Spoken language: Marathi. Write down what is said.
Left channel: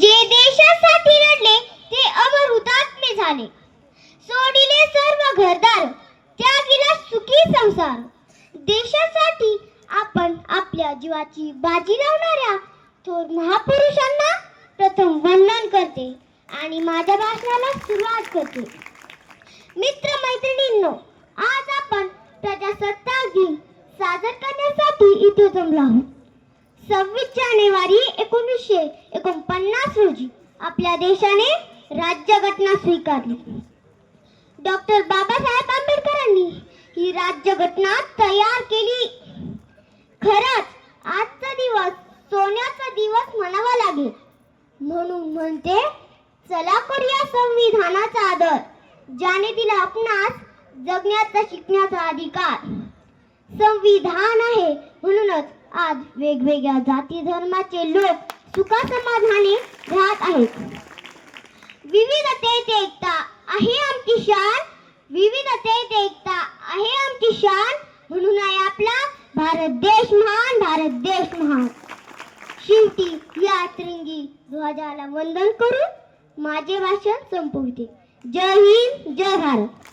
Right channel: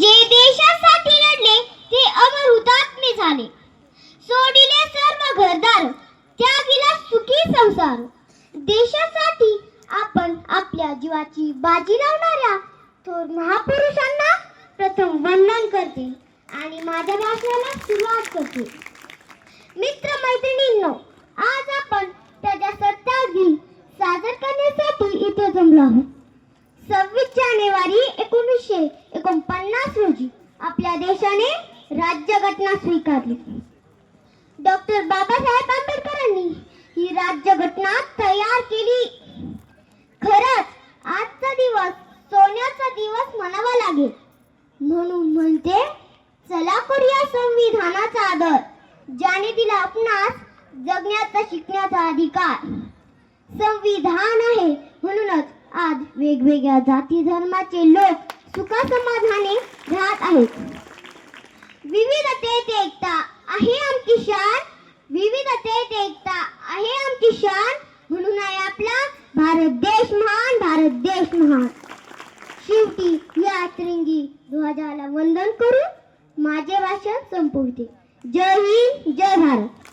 जे देशासाठी लढले ते अमर हुतात्मे झाले. सोडिले सर्व घरदार, त्यागिला सुखी संसार. देशासाठी आपण आपल्या जीवाची बाजी लावणाऱ्या थोर महापुरुषांना प्रथम वंदन करते आणि माझ्या भाषणाला सुरुवात करते. मित्र मैत्रिणींनो, आज आपण प्रजासत्ताक दिन साजरा करण्यासाठी इथे जमलो आहोत. 26 जानेवारी 1949 रोजी आपल्या देशाने राज्यघटना स्वीकारली. डॉक्टर बाबासाहेब आंबेडकरांनी ही राज्यघटना तयार केली. खरंच आजचा दिवस सोन्याचा दिवस म्हणावा लागेल. म्हणून म्हणते, चला करूया संविधानाचा आदर, ज्याने दिला आपणास जगण्याचा शिकण्याचा अधिकार. संविधान आहे म्हणूनच आज वेगवेगळ्या जाती धर्माचे लोक सुखासमाधानाने राहत आहेत. विविधतेत एकता आहे आमची शान, विविधतेत एकता आहे आमची शान. म्हणून आहे आपला भारत देश महान, भारत देश महान. शेवटी या तिरंगी ध्वजाला वंदन करून माझे भाषण संपवते. जय हिंद, जय भारत.